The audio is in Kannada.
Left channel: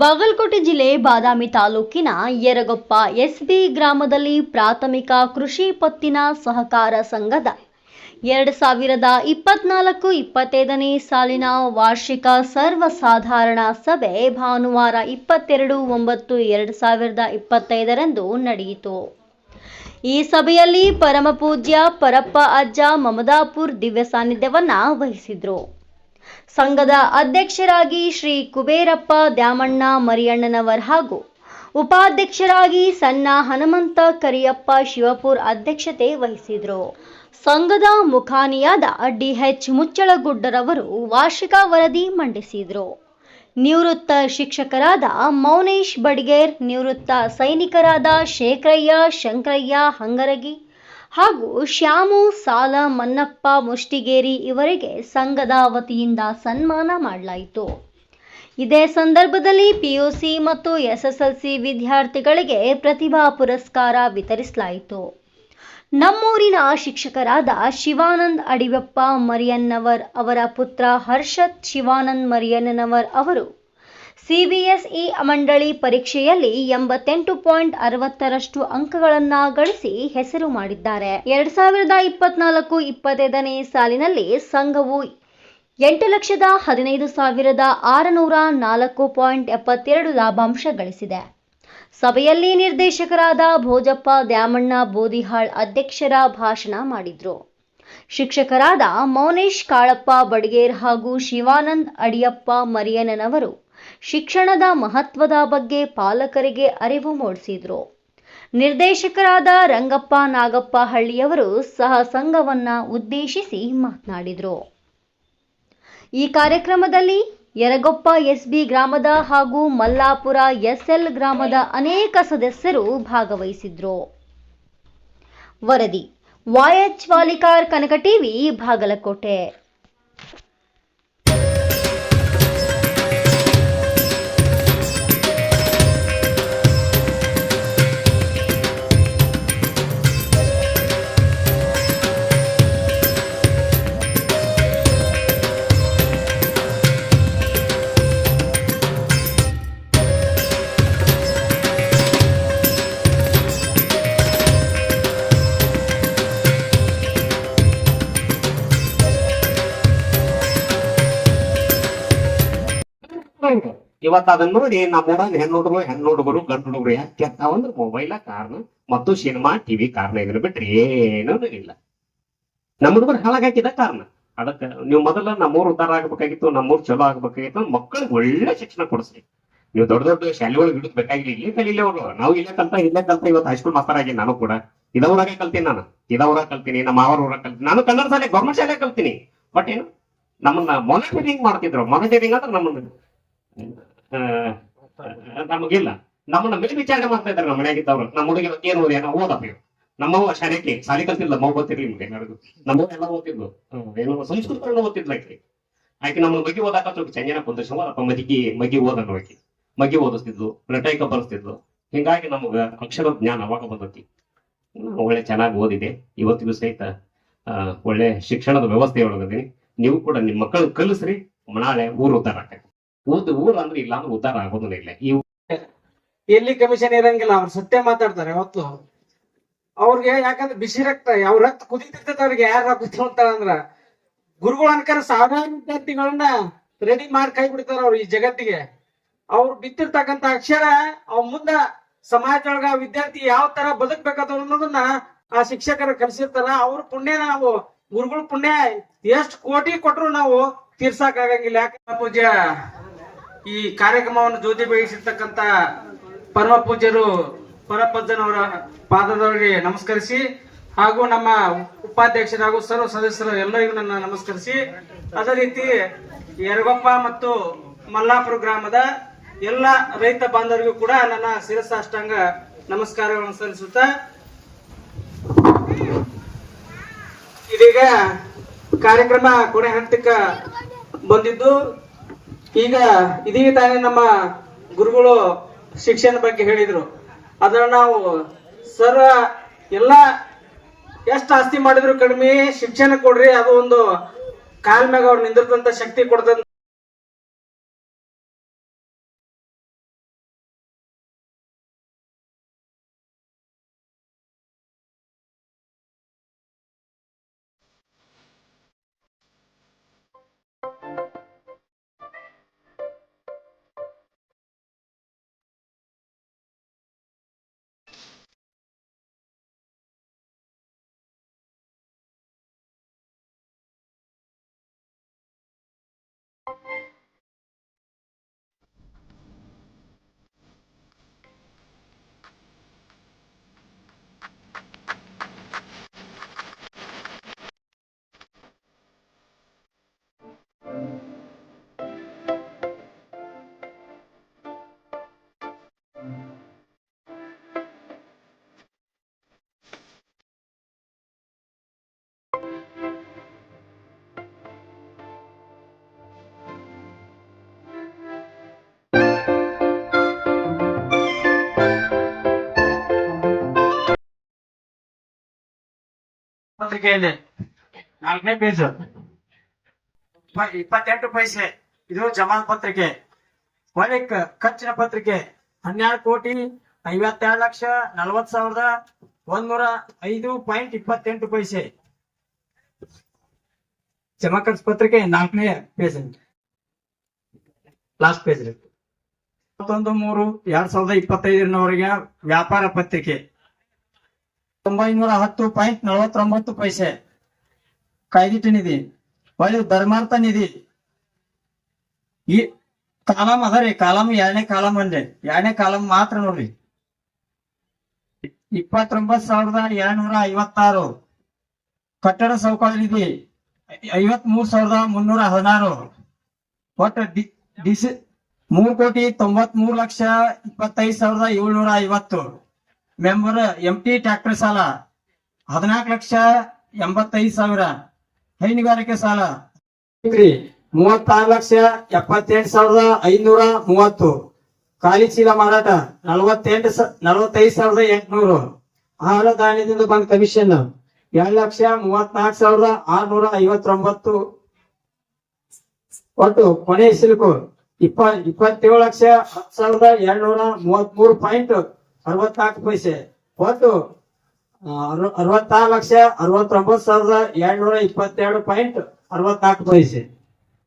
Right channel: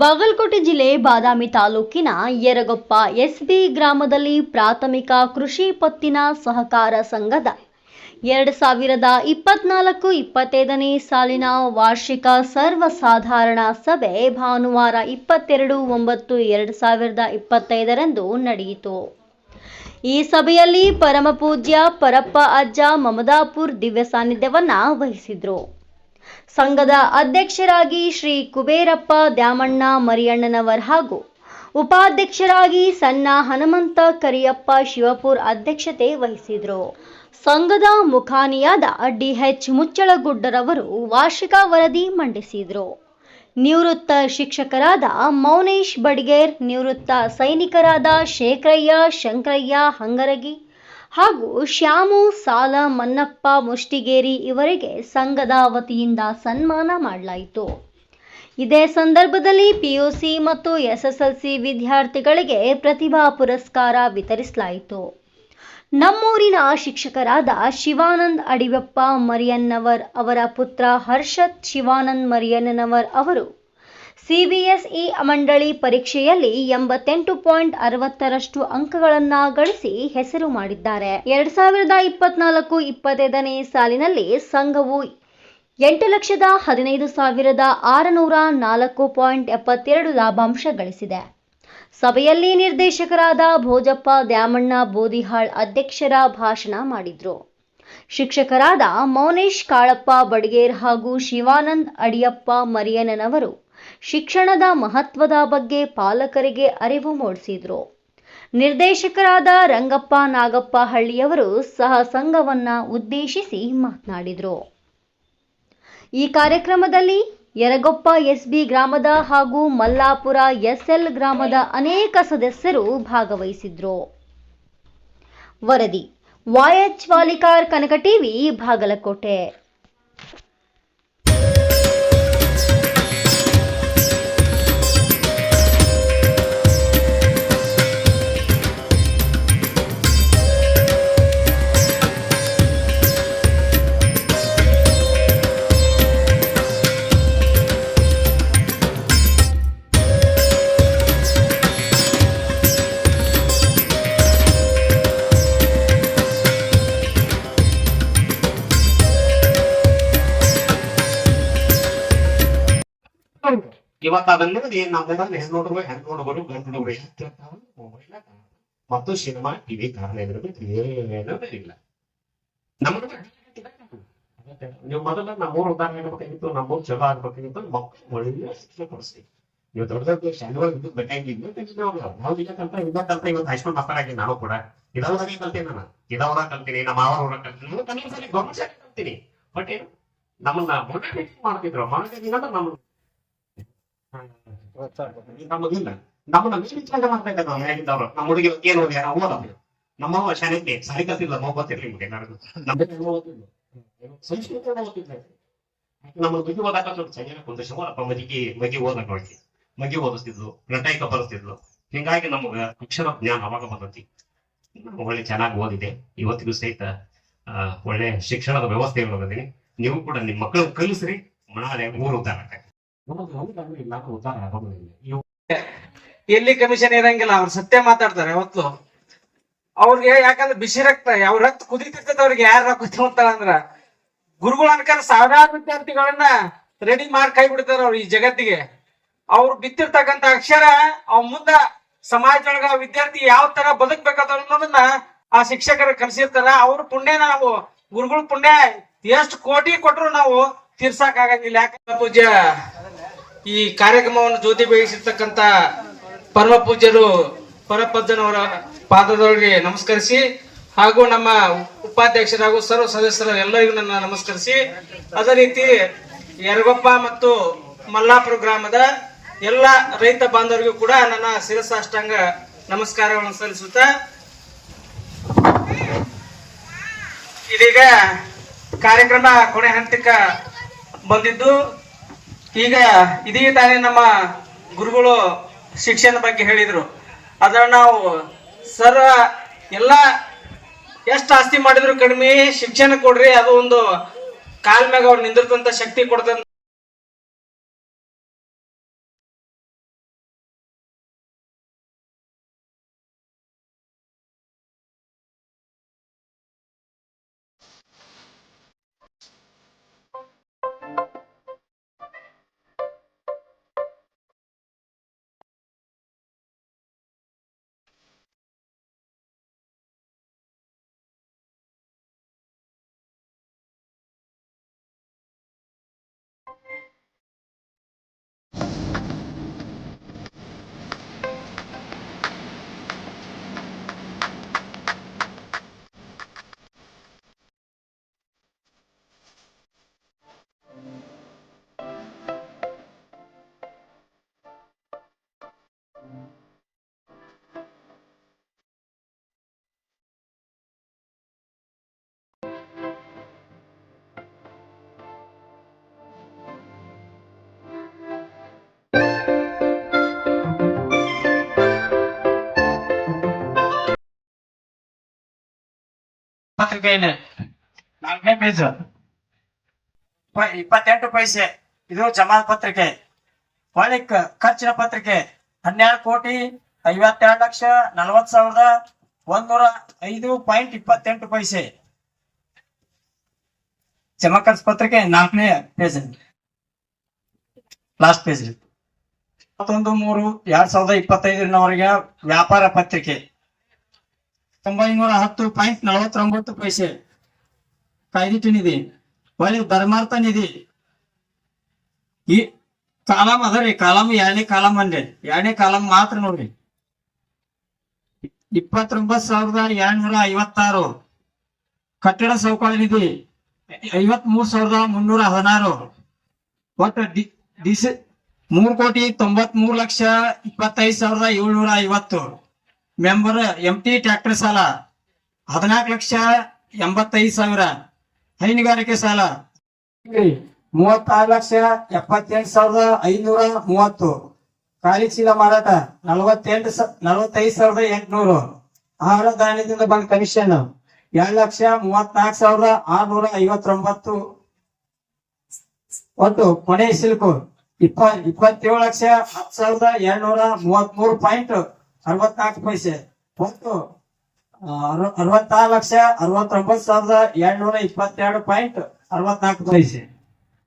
ಬಾಗಲಕೋಟೆ ಜಿಲ್ಲೆ ಬಾದಾಮಿ ತಾಲೂಕಿನ ಯರಗೊಪ್ಪ ಎಸ್ಬಿ ಗ್ರಾಮದಲ್ಲಿ ಪ್ರಾಥಮಿಕ ಕೃಷಿ ಪತ್ತಿನ ಸಹಕಾರ ಸಂಘದ 2024-25ನೇ ಸಾಲಿನ ವಾರ್ಷಿಕ ಸರ್ವಸಾಧಾರಣ ಸಭೆ ಭಾನುವಾರ 22/9/2025ರಂದು ನಡೆಯಿತು. ಈ ಸಭೆಯಲ್ಲಿ ಪರಮಪೂಜ್ಯ ಪರಪ್ಪ ಅಜ್ಜ ಮಮದಾಪುರ್ ದಿವ್ಯ ಸಾನ್ನಿಧ್ಯವನ್ನ ವಹಿಸಿದ್ರು. ಸಂಘದ ಅಧ್ಯಕ್ಷರಾಗಿ ಶ್ರೀ ಕುಬೇರಪ್ಪ ದ್ಯಾಮಣ್ಣ ಮರಿಯಣ್ಣನವರ್ ಹಾಗೂ ಉಪಾಧ್ಯಕ್ಷರಾಗಿ ಸಣ್ಣ ಹನುಮಂತ ಕರಿಯಪ್ಪ ಶಿವಪುರ್ ಅಧ್ಯಕ್ಷತೆ ವಹಿಸಿದ್ರು. ಸಂಘದ ಮುಖಾನಿಯಾದ ಡಿಎಚ್ ಮುಚ್ಚಳಗುಡ್ಡರವರು ವಾರ್ಷಿಕ ವರದಿ ಮಂಡಿಸಿದ್ರು. ನಿವೃತ್ತ ಶಿಕ್ಷಕರಾದ ಮೌನೇಶ್ ಬಡಿಗೇರ್, ನಿವೃತ್ತ ಸೈನಿಕರಾದ ಶೇಖರಯ್ಯ ಶಂಕರಯ್ಯ ಹಂಗರಗಿ ಹಾಗೂ ಶ್ಯಾಮು ಸಾಲ ಮನ್ನಪ್ಪ ಮುಷ್ಟಿಗೇರಿ ಇವರಿಗೆ ಸಂಘದ ವತಿಯಿಂದ ಸನ್ಮಾನ ಮಾಡಲಾಯಿತು. ಇದೇ ಸಂದರ್ಭದಲ್ಲಿ ಪಿಯುಸಿ ಮತ್ತು ಎಸ್ಎಸ್ಎಲ್ಸಿ ವಿದ್ಯಾರ್ಥಿಗಳಿಗೆ ಪ್ರತಿಭಾ ಪುರಸ್ಕಾರ ವಿತರಿಸಲಾಯಿತು. ನಮ್ಮೂರಿನ ಶಿಕ್ಷಕರಾದ ಶಿವಾನಂದ್ ಅಡಿಯಪ್ಪ ಮರಿಯಣ್ಣನವರ್ ಅವರ ಪುತ್ರ ಹರ್ಷತ್ ಶಿವಾನಂದ್ ಮರಿಯಣ್ಣನವರ್ ಅವರು ಸಿಬಿಎಸ್ಇ ಮಂಡಳಿ ಪರೀಕ್ಷೆಯಲ್ಲಿ 88.60ರಷ್ಟು ಅಂಕಗಳನ್ನು ಗಳಿಸಿ ಹೆಸರು ಮಾಡಿದ್ದಾರೆ. 2024-25ನೇ ಸಾಲಿನಲ್ಲಿ ಸಂಘವು 8,15,604.72 ಲಾಭಾಂಶ ಗಳಿಸಿದೆ. ಸಭೆಯಲ್ಲಿ ನಿರ್ದೇಶಕರಾದ ಭೋಜಪ್ಪ ದ್ಯಾಮಣ್ಣ ಬೋದಿಹಾಳ್ ಅಧ್ಯಕ್ಷರ ಭಾಷಣ ಮಾಡಿದ್ರು. ಶಿಕ್ಷಕರಾದ ಮೌನೇಶ್ ಕಾಳಪ್ಪ ಬಡಿಗೇರ್ ಹಾಗೂ ಶಿವಾನಂದ್ ಅಡಿಯಪ್ಪ ಮರಿಯಣ್ಣನವರು ಶಿಕ್ಷಣದ ಮಹತ್ವದ ಬಗ್ಗೆ ಪಾಲಕರಿಗೆ ಅರಿವು ಮೂಡಿಸಿದ್ರು. ನಿರ್ದೇಶಕರಾದ ರಂಗಪ್ಪ ನಾಗಪ್ಪ ಹಳ್ಳಿಯವರು ಸಹ ಸಂಘವನ್ನ ಉದ್ದೇಶಿಸಿ ಮಾತನಾಡಿದರು. ಈ ಕಾರ್ಯಕ್ರಮದಲ್ಲಿ ಯರಗೊಪ್ಪ ಎಸ್ಬಿ ಗ್ರಾಮದ ಹಾಗೂ ಮಲ್ಲಾಪುರ ಎಸ್ಎಲ್ ಗ್ರಾಮದ ಅನೇಕ ಸದಸ್ಯರು ಭಾಗವಹಿಸಿದ್ರು. ವರದಿ YH ವಾಲಿಕಾರ್, ಕನಕ ಟಿವಿ, ಬಾಗಲಕೋಟೆ. ಇವತ್ತು ಅದನ್ನ ನೋಡಿ ನಮ್ಮೂರಲ್ಲಿ ಹೆಣ್ಣುಡುಗರು ಗಂಡು ಹುಡುಗರು ಯಾಕೆ ಕೆತ್ತಾವಂದ್ರೆ ಮೊಬೈಲ ಕಾರಣ ಮತ್ತು ಸಿನಿಮಾ ಟಿವಿ ಕಾರಣ ಇದ್ರ ಬಿಟ್ರೆ ಏನೂ ಇಲ್ಲ. ನಮ್ಮ ಹುಡುಗರು ಹಾಳಾಗಾಕಿದ ಕಾರಣ. ಅದಕ್ಕೆ ನೀವು ಮೊದಲ ನಮ್ಮೂರು ಉದ್ಧಾರ ಆಗ್ಬೇಕಾಗಿತ್ತು, ನಮ್ಮೂರು ಚಲೋ ಆಗ್ಬೇಕಾಗಿತ್ತು. ಮಕ್ಕಳಿಗೆ ಒಳ್ಳೆ ಶಿಕ್ಷಣ ಕೊಡಿಸ್ರಿ. ನೀವು ದೊಡ್ಡ ದೊಡ್ಡ ಶಾಲೆಗಳಿಗೆ ಇಡೋದು ಬೇಕಾಗಿಲ್ಲ, ಇಲ್ಲೇ ಕಲೀಲಿ ಅವರು. ನಾವು ಇಲ್ಲೇ ಕಲ್ತ ಇವತ್ತು ಹೈಸ್ಕೂಲ್ ಮಾಸ್ಟರ್ ಆಗಿ ನಾನು ಕೂಡ ಇದವರಾಗೆ ಕಲ್ತೀನಿ. ಇದವರಾಗ ಕಲ್ತೀನಿ, ನಮ್ಮ ಅವರೂರಾಗ ಕಲ್ತೀನಿ. ನಾನು ಕನ್ನಡ ಶಾಲೆ ಗೌರ್ಮೆಂಟ್ ಶಾಲೆ ಕಲ್ತೀನಿ. ಬಟ್ ಏನು ನಮ್ಮನ್ನ ಮಾನಿಟರಿಂಗ್ ಮಾಡ್ತಿದ್ರು. ಮಾನಿಟರಿಂಗ್ ಅಂದ್ರೆ ನಮ್ಮನ್ನ ನಮಗಿಲ್ಲ, ನಮ್ಮನ್ನ ಮೇಲ್ವಿಚಾರಣೆ ಮಾಡ್ತಾ ಇದ್ದಾರೆ ನಮ್ಮ ಮನೆಯಾಗಿದ್ದವ್ರು. ನಮ್ಮ ಹುಡುಗಿ ಏನು ಓದಿ ನಾವು ಓದಪ್ಪ. ನಮ್ಮವ್ವ ಶಾಲೆಗೆ ಸಾಲಿ ಕಲ್ತಿಲ್ಲ, ಮಗು ಗೊತ್ತಿರ್ಲಿ ನಿಮ್ಗೆ ಎಲ್ಲರಿಗೂ. ನಮ್ಮವ್ವ ಎಲ್ಲ ಓದ್ತಿದ್ಲು, ಏನೋ ಸಂಸ್ಕೃತವನ್ನು ಓದ್ತಿದ್ಲು. ಆಕೆ ನಮ್ಮ ಬಗ್ಗೆ ಓದಾಕ ಸ್ವಲ್ಪ ಚಂಜನ ಕುಂದಿರ್ಸವ ಅಥವಾ ಮಗಿ ಓದಲು ಮಗಿ ಓದಿಸ್ತಿದ್ಲು, ಪ್ರಟೈಕ ಬರೆಸ್ತಿದ್ಲು. ಹಿಂಗಾಗಿ ನಮಗ ಅಕ್ಷರ ಜ್ಞಾನ ಅವಾಗ ಬಂದತಿ. ಒಳ್ಳೆ ಚೆನ್ನಾಗಿ ಓದಿದೆ. ಇವತ್ತಿಗೂ ಸಹಿತ ಒಳ್ಳೆ ಶಿಕ್ಷಣದ ವ್ಯವಸ್ಥೆ ಒಳಗದೀನಿ. ನೀವು ಕೂಡ ನಿಮ್ಮ ಮಕ್ಕಳು ಕಲಿಸ್ರಿ. ನಾಳೆ ಊರು ಉದ್ಧಾರ ಆಗ್ತದೆ. ಊರು ಅಂದ್ರೆ ಇಲ್ಲ ಅಂದ್ರೆ ಉದ್ಧಾರ ಆಗೋದಿಲ್ಲ. ಇಲ್ಲ ಎಲ್ಲಿ ಕಮಿಷನ್ ಇರಂಗಿಲ್ಲ, ಅವ್ರು ಸತ್ಯ ಮಾತಾಡ್ತಾರೆ. ಅವತ್ತು ಅವ್ರಿಗೆ ಯಾಕಂದ್ರೆ ಬಿಸಿ ರಕ್ತ, ಅವ್ರ ರಕ್ತ ಕುದಿತಿರ್ತೈತೆ. ಅವ್ರಿಗೆ ಯಾರ ರಕ್ತ ಅಂತಾರ ಅಂದ್ರ ಗುರುಗಳು ಅನ್ಕಂಡ್ ಸಾವಿರಾರು ವಿದ್ಯಾರ್ಥಿಗಳನ್ನ ರೆಡಿ ಮಾಡಿ ಕೈ ಬಿಡ್ತಾರ ಅವ್ರು ಈ ಜಗತ್ತಿಗೆ. ಅವ್ರು ಬಿತ್ತಿರ್ತಕ್ಕಂತ ಅಕ್ಷರ ಅವ್ ಮುಂದ ಸಮಾಜದೊಳಗ ವಿದ್ಯಾರ್ಥಿ ಯಾವ ತರ ಬದುಕ್ಬೇಕಂತ ಅನ್ನೋದನ್ನ ಆ ಶಿಕ್ಷಕರ ಕಲಿಸಿರ್ತಾರ. ಅವ್ರ ಪುಣ್ಯನ ನಾವು ಗುರುಗಳ ಪುಣ್ಯ ಎಷ್ಟು ಕೋಟಿ ಕೊಟ್ರು ನಾವು ತೀರ್ಸಾಕ್ ಆಗಂಗಿಲ್ಲ. ಯಾಕೆ ಪೂಜ್ಯ ಈ ಕಾರ್ಯಕ್ರಮವನ್ನು ಜ್ಯೋತಿ ಬೆಳೆಸಿರ್ತಕ್ಕಂತ ಪರಮ ಪೂಜ್ಯರು ಪರಪಜ್ಜನವರ ಪಾದದವರಿಗೆ ನಮಸ್ಕರಿಸಿ, ಹಾಗೂ ನಮ್ಮ ಉಪಾಧ್ಯಕ್ಷರಾಗೂ ಸರ್ವ ಸದಸ್ಯರು ಎಲ್ಲರಿಗೂ ನನ್ನ ನಮಸ್ಕರಿಸಿ, ಅದೇ ರೀತಿ ಯರಗೊಪ್ಪ ಮತ್ತು ಮಲ್ಲಾಪುರ ಗ್ರಾಮದ ಎಲ್ಲ ರೈತ ಬಾಂಧವರಿಗೂ ಕೂಡ ನನ್ನ ಶಿರಸಾಷ್ಟಾಂಗ ನಮಸ್ಕಾರಗಳನ್ನು ಸಲ್ಲಿಸುತ್ತಾ, ಇದೀಗ ಕಾರ್ಯಕ್ರಮ ಕೊನೆ ಹಂತಕ್ಕೆ ಬಂದಿದ್ದು. ಈಗ ಇದೀಗ ತಾನೇ ನಮ್ಮ ಗುರುಗಳು ಶಿಕ್ಷಣದ ಬಗ್ಗೆ ಹೇಳಿದ್ರು. ಅದನ್ನ ನಾವು ಸರ್ವ ಎಲ್ಲ ಎಷ್ಟು ಆಸ್ತಿ ಮಾಡಿದ್ರು ಕಡಿಮೆ, ಶಿಕ್ಷಣ ಕೊಡ್ರಿ, ಅದು ಒಂದು ಕಾಲ್ ಮ್ಯಾಗ ಅವ್ರು ನಿಂದಿರ್ತಂತ ಶಕ್ತಿ ಕೊಡ್ತಂತ ಪತ್ರಿಕೆಯಲ್ಲಿ 4ನೇ ಪೇಜ್ 28 ಪೈಸೆ ಇದು ಜಮಾ ಪತ್ರಿಕೆ. ಹೊಳ್ಳಿ ಖರ್ಚಿನ ಪತ್ರಿಕೆ 12,52,40,105.28 ಪೈಸೆ. ಜಮಾ ಖರ್ಚು ಪತ್ರಿಕೆ 4ನೇ ಪೇಜ್ ಲಾಸ್ಟ್ ಪೇಜ್. 31/3/2025 ವ್ಯಾಪಾರ ಪತ್ರಿಕೆ 910.49 ಪೈಸೆ. ಕಾಯ್ದಿಟ್ಟು ನಿಧಿ ಹೊಳ್ಳಿ ಧರ್ಮಾರ್ಥ ನಿಧಿ ಈ ಕಾಲಮ್ ಅದ ರೀ. ಕಾಲಮ್ 2ನೇ ಕಾಲಮ್ ಅಂದೆ 2ನೇ ಕಾಲಮ್ ಮಾತ್ರ ನೋಡ್ರಿ. 29,256. ಕಟ್ಟಡ ಸೌಕರ್ಯ ನಿಧಿ 53,316. ಒಟ್ಟು 3,93,25,750. ಮೆಂಬರ್ MT ಟ್ರ್ಯಾಕ್ಟರ್ ಸಾಲ 14,85,000. ಹೈನುಗಾರಿಕೆ ಸಾಲ 36,78,530. ಖಾಲಿ ಚೀಲ ಮಾರಾಟ 45,800. ಆಹಾರ ಧಾನ್ಯದಿಂದ ಬಂದ ಕಮಿಷನ್ 2,34,659. ಒಟ್ಟು ಕೊನೆ ಸಿಲ್ಕು 27,10,233.64 ಪೈಸೆ. ಒಟ್ಟು 66,69,222.64 ಪೈಸೆ.